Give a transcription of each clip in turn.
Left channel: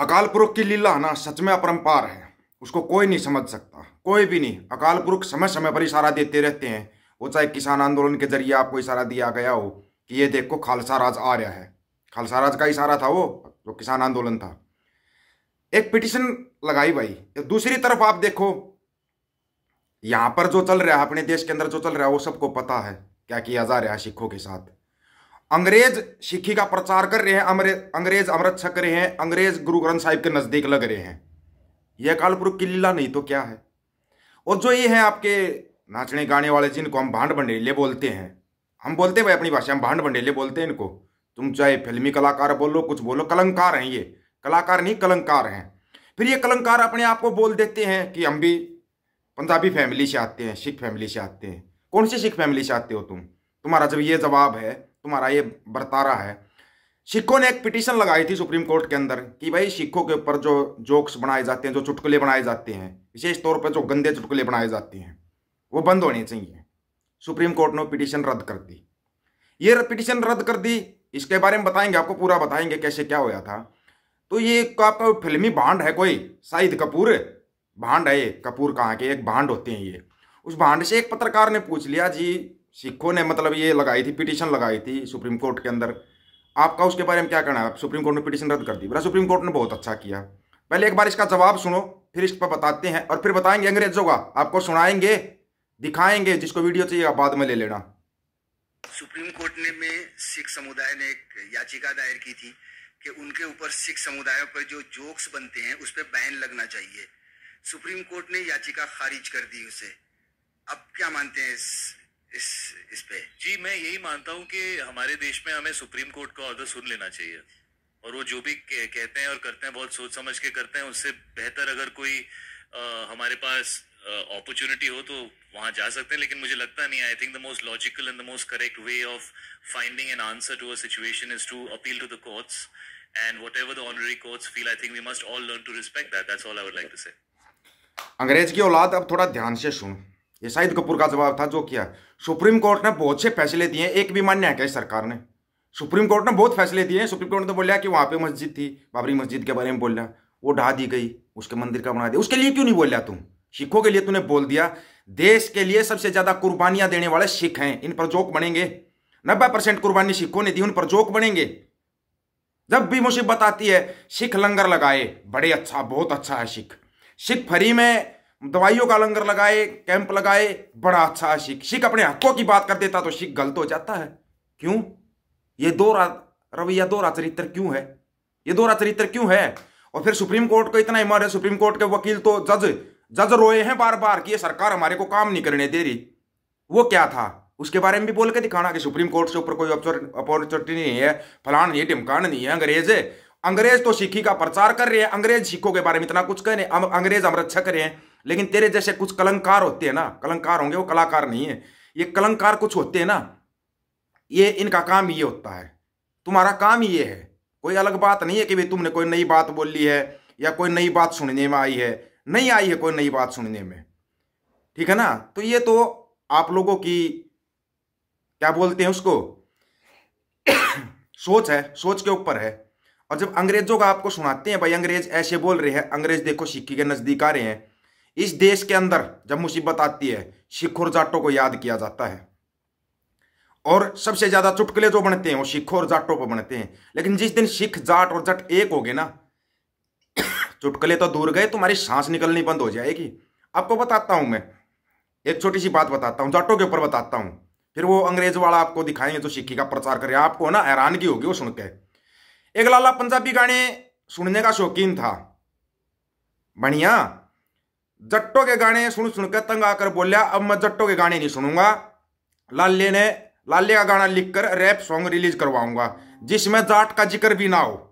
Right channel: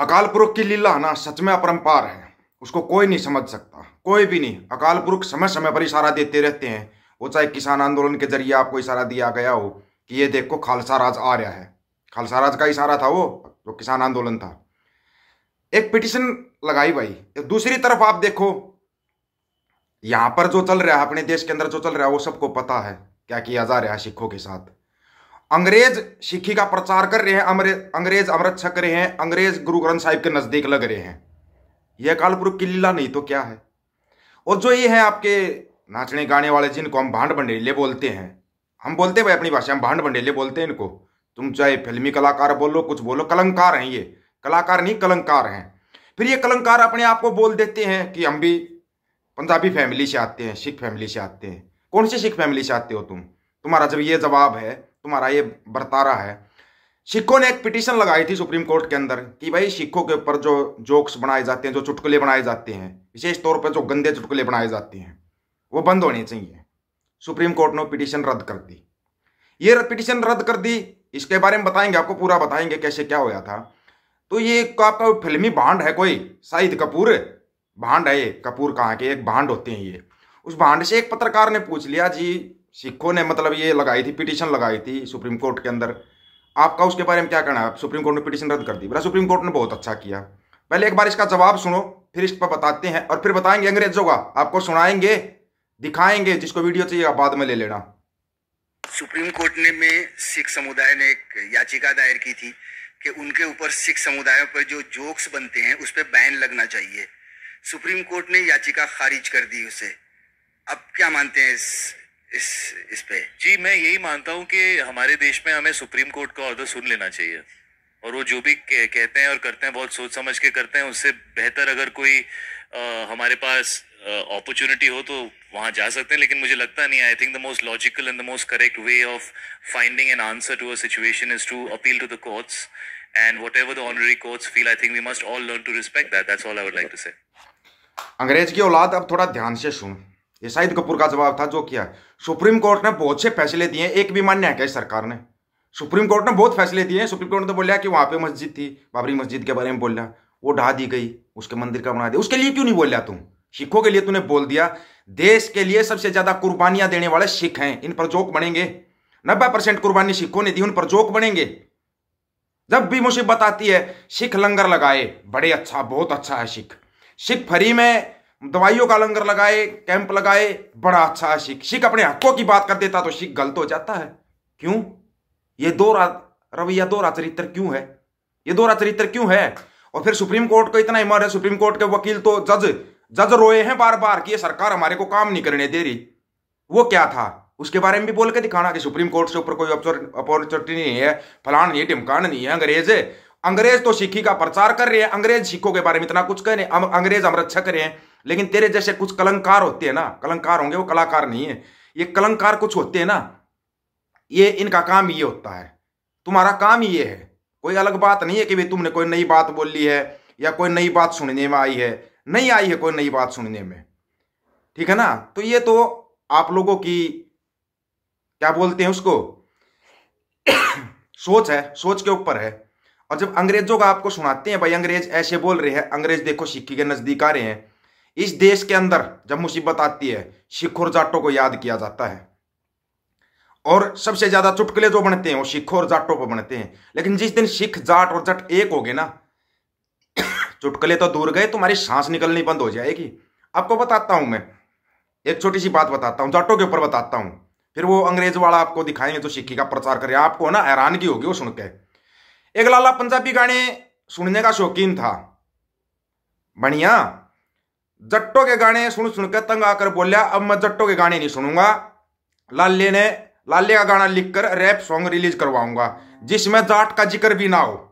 अकाल पुरख की लीला ना सच में अपरंपार है। उसको कोई नहीं समझ सकता, कोई भी नहीं। अकाल पुरख समय समय पर इशारा देते रहते हैं। वो चाहे किसान आंदोलन के जरिए आपको इशारा दिया गया हो कि ये देखो खालसा राज आ रहा है। खालसा राज का इशारा था वो, जो किसान आंदोलन था। एक पिटिशन लगाई भाई। दूसरी तरफ आप देखो, यहां पर जो चल रहा है अपने देश के अंदर, जो चल रहा है वो सबको पता है क्या किया जा रहा है सिखों के साथ। अंग्रेज सिक्खी का प्रचार कर रहे हैं, अंग्रेज अमृत छक रहे हैं, अंग्रेज गुरु ग्रंथ साहिब के नजदीक लग रहे हैं। यह अकाल पुरख की लीला नहीं तो क्या है। और जो ये है आपके नाचने गाने वाले, जिनको हम भांड भंडेले बोलते हैं, हम बोलते हैं भाई अपनी भाषा में भांड भंडेले बोलते हैं इनको। तुम चाहे फिल्मी कलाकार बोलो, कुछ बोलो, कलंकार हैं ये। कलाकार नहीं, कलंकार हैं। फिर ये कलंकार अपने आप को बोल देते हैं कि हम भी पंजाबी फैमिली से आते हैं, सिख फैमिली से आते हैं। कौन सी सिख फैमिली से आते हो तुम? तुम्हारा जब ये जवाब है, तुम्हारा ये बर्तारा है। सिखों ने एक पिटीशन लगाई थी सुप्रीम कोर्ट के अंदर कि भाई सिखों के ऊपर जो जोक्स बनाए जाते हैं, जो चुटकुले बनाए जाते हैं, विशेष तौर पर जो गंदे चुटकुले बनाए जाते हैं, वो बंद होने चाहिए। सुप्रीम कोर्ट ने पिटीशन रद्द कर दी। ये पिटीशन रद्द कर दी। इसके बारे में बताएंगे, आपको पूरा बताएंगे कैसे क्या होया था। तो ये आपका फिल्मी भांड है कोई, शाहिद कपूर भांड है ये। कपूर कहाँ के, एक भांड होते हैं ये। उस भांड से एक पत्रकार ने पूछ लिया, जी सिखों ने मतलब ये लगाई थी, पिटीशन लगाई थी सुप्रीम कोर्ट के अंदर, आपका उसके बारे में क्या कहना है? सुप्रीम कोर्ट ने पिटीशन रद्द कर दी। बोला सुप्रीम कोर्ट ने बहुत अच्छा किया। पहले एक बार इसका जवाब सुनो, फिर इस पर बताते हैं, और फिर बताएंगे अंग्रेजों का, आपको सुनाएंगे, दिखाएंगे। जिसको वीडियो चाहिए आप बाद में ले लेना। सुप्रीम कोर्ट ने में सिख समुदाय ने एक याचिका दायर की थी कि उनके ऊपर सिख समुदायों पर जो जोक्स बनते हैं उस पर बैन लगना चाहिए। सुप्रीम कोर्ट ने याचिका खारिज कर दी उसे। अब क्या मानते हैं इस पे? जी, मैं यही मानता हूँ कि हमारे देश में हमें सुप्रीम कोर्ट का ऑर्डर सुन लेना चाहिए, और वो जो भी कहते हैं और करते हैं बहुत सोच समझ के करते हैं। उससे बेहतर अगर कोई हमारे पास अपॉर्चुनिटी हो तो वहां जा सकते हैं, लेकिन मुझे लगता नहीं। I think the most logical and the most correct way of finding an answer to a situation is to appeal to the courts, and whatever the honorary courts feel, I think we must all learn to respect that. That's all I would like to say. अंग्रेज की औलाद, अब थोड़ा ध्यान से सुन। ये शाहिद कपूर का जवाब था जो किया। सुप्रीम कोर्ट ने बहुत से फैसले दिए, एक भी मान्य है क्या सरकार ने? सुप्रीम कोर्ट ने बहुत फैसले दिए हैं। सुप्रीम कोर्ट ने तो बोला कि वहां पे मस्जिद थी, बाबरी मस्जिद के बारे में बोला, वो ढा दी गई, उसके मंदिर का बना दिया। उसके लिए क्यों नहीं बोल तुम? सिखों के लिए तूने बोल दिया। देश के लिए सबसे ज्यादा कुर्बानियां देने वाले सिख हैं, इन पर जोक बनेंगे। 90% कुर्बानी सिखों ने दी, उन पर जोक बनेंगे। जब भी मुसीबत आती है, सिख लंगर लगाए, बड़े अच्छा, बहुत अच्छा है सिख। सिख फ्री में दवाइयों का लंगर लगाए, कैंप लगाए, बड़ा अच्छा है सिख। सिख अपने हकों की बात कर देता तो सिख गलत हो जाता है। क्यों? ये दोहरा रवैया, दोहरा चरित्र क्यों है? ये दोहरा चरित्र क्यों है? और फिर सुप्रीम कोर्ट को इतना हिम्मत है, सुप्रीम कोर्ट के वकील तो जज रोए हैं बार बार कि ये सरकार हमारे को काम नहीं करने दे रही। वो क्या था उसके बारे में भी बोल के दिखाना कि सुप्रीम कोर्ट से ऊपर कोई अपॉर्चुनिटी नहीं है, फलान नहीं, ढिमकान नहीं है। अंग्रेज तो सिक्खी का प्रचार कर रहे हैं, अंग्रेज सिखों के बारे में इतना कुछ कह रहे हैं, अंग्रेज अमृत छक रहे हैं। लेकिन तेरे जैसे कुछ कलंकार होते हैं ना, कलंकार होंगे, वो कलाकार नहीं है, ये कलंकार कुछ होते हैं ना, ये इनका काम ये होता है। तुम्हारा काम ये है, कोई अलग बात नहीं है कि भाई तुमने कोई नई बात बोल ली है या कोई नई बात सुनने में आई है। नहीं आई है कोई नई बात सुनने में, ठीक है ना? तो ये तो आप लोगों की क्या बोलते हैं उसको सोच है, सोच के ऊपर है। और जब अंग्रेजों का आपको सुनाते हैं भाई अंग्रेज ऐसे बोल रहे हैं, अंग्रेज देखो सिक्खी के नजदीक आ रहे हैं। इस देश के अंदर जब मुसीबत आती है, सिख और जाटों को याद किया जाता है, और सबसे ज्यादा चुटकुले जो बनते हैं वो सिखों और जाटों पर बनते हैं। लेकिन जिस दिन सिख, जाट और जट एक हो गए ना, चुटकुले तो दूर गए, तुम्हारी सांस निकलनी बंद हो जाएगी। आपको बताता हूं मैं, एक छोटी सी बात बताता हूं, जाटों के ऊपर बताता हूं, फिर वो अंग्रेज वाला आपको दिखाएंगे जो सिक्खी का प्रचार करे। आपको ना हैरानगी होगी वो सुन के। एक लाला पंजाबी गाने सुनने का शौकीन था, बढ़िया। जट्टों के गाने सुन सुन के तंग आकर बोलिया अब मैं जट्टों के गाने नहीं सुनूंगा। लाले का गाना लिखकर रैप सॉन्ग रिलीज करवाऊंगा जिसमें जाट का जिक्र भी ना हो।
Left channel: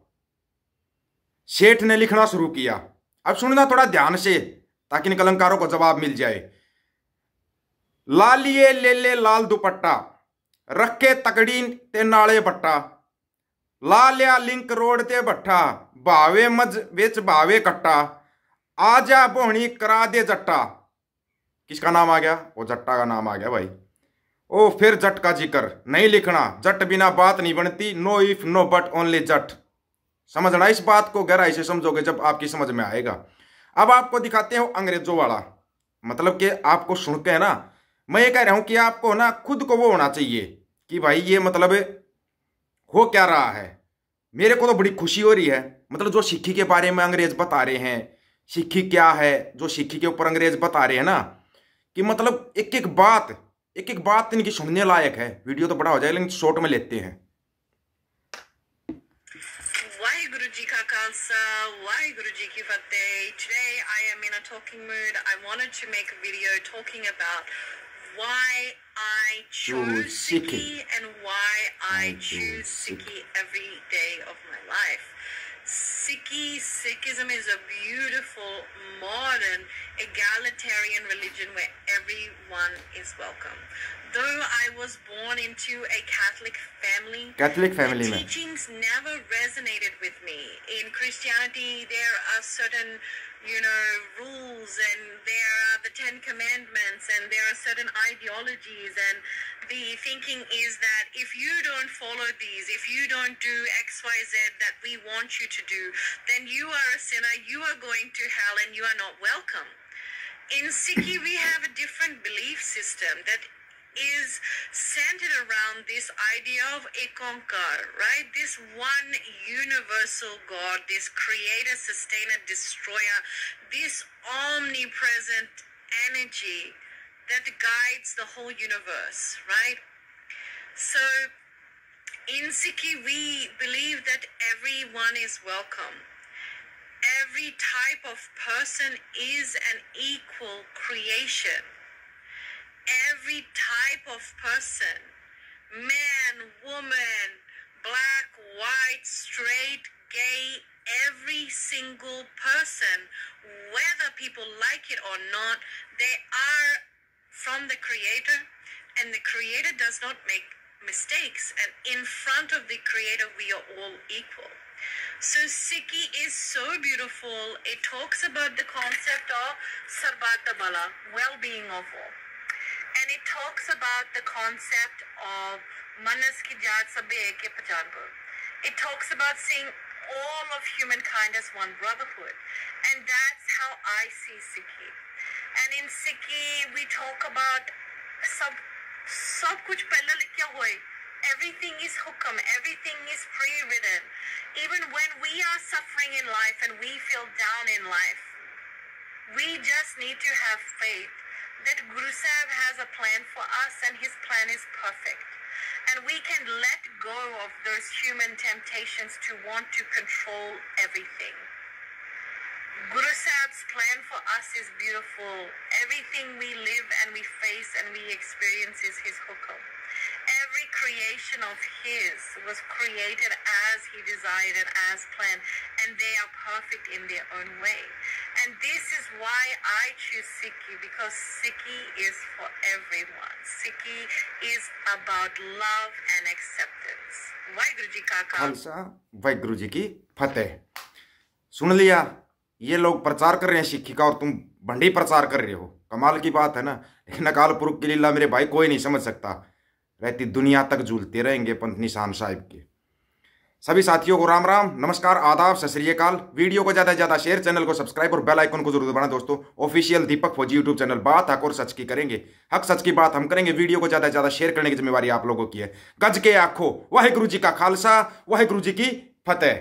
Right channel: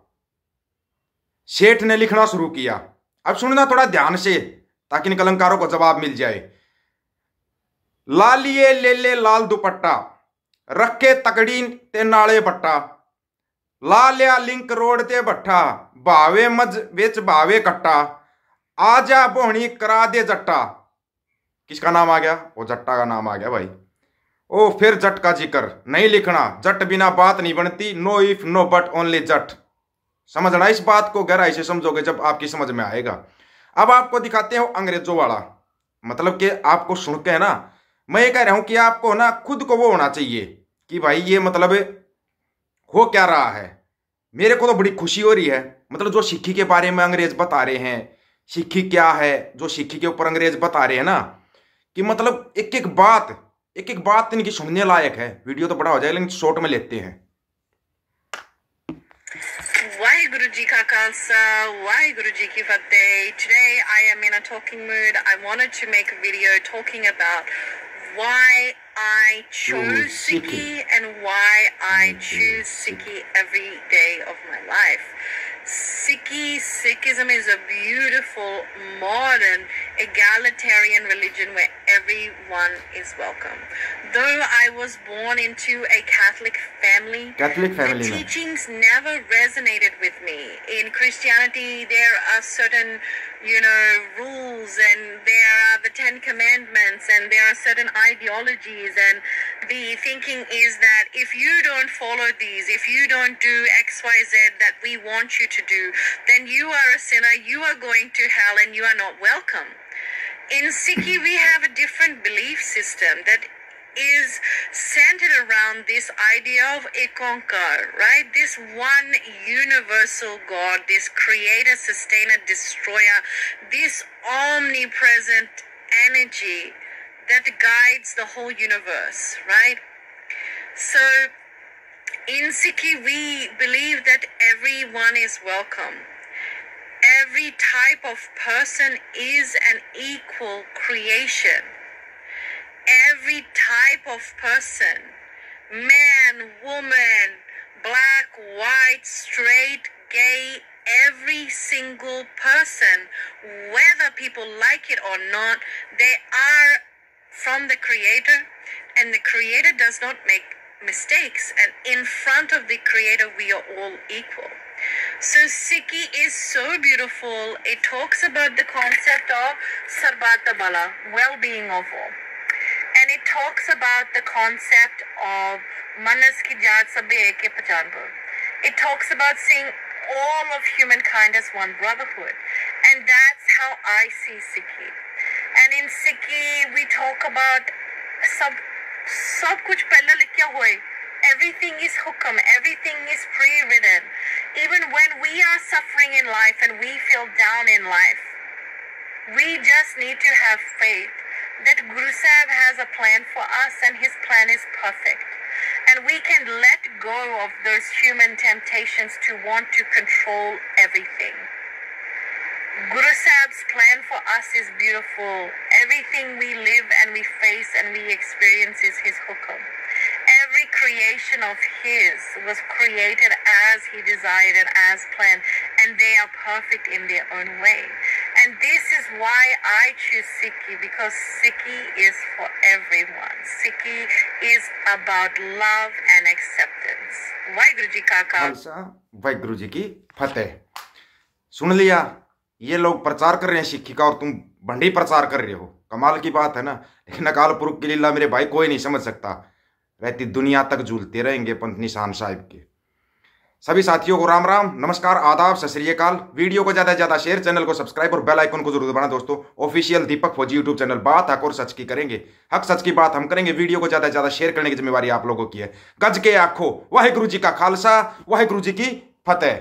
सेठ ने लिखना शुरू किया। अब सुनना थोड़ा ध्यान से ताकि इन कलंकारों को जवाब मिल जाए। लालिए ले ले लाल दुपट्टा, रखे तकड़ी ते नाले बट्टा, ला लिया लिंक रोड ते भट्ठा, भावे मज बेच भावे कट्टा, आजा बोहनी करा दे जट्टा। किसका नाम आ गया? वो जट्टा का नाम आ गया भाई। ओ फिर जट का जिक्र नहीं लिखना, जट बिना बात नहीं बनती, no if no but only Jat. समझना, इस बात को गहराई से समझोगे जब आपकी समझ में आएगा। अब आपको दिखाते हो अंग्रेजों वाला, मतलब कि आपको सुन के है ना, मैं ये कह रहा हूं कि आपको ना खुद को वो होना चाहिए कि भाई ये मतलब हो क्या रहा है। मेरे को तो बड़ी खुशी हो रही है, मतलब जो सिक्खी के बारे में अंग्रेज बता रहे हैं, सिक्खी क्या है, जो सिक्खी के ऊपर अंग्रेज बता रहे हैं ना, कि मतलब एक एक बात इनकी सुनने लायक है। वीडियो तो बड़ा हो जाएगा लेकिन शॉर्ट में लेते हैं। वाहिगुरु जी का खालसा, वाहिगुरु जी की फतेह। Today I am in a talking mood. I wanted to make a video talking about why I chose Sikhi and why I choose Sikhi every day of my life. Sikhism is a beautiful, modern, egalitarian religion where everyone is welcome. Though I was born into a Catholic family, the teachings never resonated with me. In Christianity, there are certain, rules, and there are the 10 Commandments, and there are certain ideologies, and the thinking is that if you don't follow these, if you don't do X, Y, Z that we want you to do, then you are a sinner, you are going to hell, and you are not welcome. In Sikhi, we have a different belief system that is centered around this idea of Ekankar, right? This one universal God, this creator, sustainer, destroyer, this omnipresent energy that guides the whole universe, right? So in Sikhi, we believe that everyone is welcome. Every type of person is an equal creation. Every type of person, man, woman, black, white, straight, gay, every single person, whether people like it or not, they are from the Creator, and the Creator does not make mistakes, and in front of the Creator we are all equal. So Sikhi is so beautiful. It talks about the concept of Sarbat Bala, well-being of all. And it talks about the concept of Manas ki jaat sabbe ek hai pehchan par. It talks about seeing all of humankind as one brotherhood. And that's how I see Sikhi. And in Sikhi, we talk about sab kuch pehla likhya hua hai. Everything is hukam, everything is pre-written. Even when we are suffering in life and we feel down in life, we just need to have faith that Guru Sahib has a plan for us and his plan is perfect. And we can let go of those human temptations to want to control everything. Guru Sahib's plan for us is beautiful. Everything we live and we face and we experience is his hukam. Every creation of his was created as he desired and as planned, and they are perfect in their own way. And this is why I choose Sikhi, because Sikhi is for everyone. Sikhi is about love and acceptance. Waheguru ji का खालसा, वाहिगुरु जी की फतेह। सुन लिया, ये लोग प्रचार कर रहे हैं सिक्खी का और तुम भंडी प्रचार कर रहे हो। कमाल की बात है ना। लेकिन अकाल पुरख की लीला मेरे भाई कोई नहीं समझ सकता। रहती दुनिया तक झूलते रहेंगे पंथ निशान साहिब के। सभी साथियों को राम राम, नमस्कार, आदाब, सत श्री अकाल। वीडियो को ज़्यादा से ज़्यादा शेयर, चैनल को सब्सक्राइब और बेल आइकन को जरूर दबाना दोस्तों। ऑफिशियल दीपक फौजी यूट्यूब चैनल, बात हक और सच की करेंगे, हक सच की बात हम करेंगे। वीडियो को ज़्यादा से ज़्यादा शेयर करने की जिम्मेवारी आप लोगों की है। गज के आखो, वाहिगुरु जी का खालसा, वाहिगुरु जी की फतेह।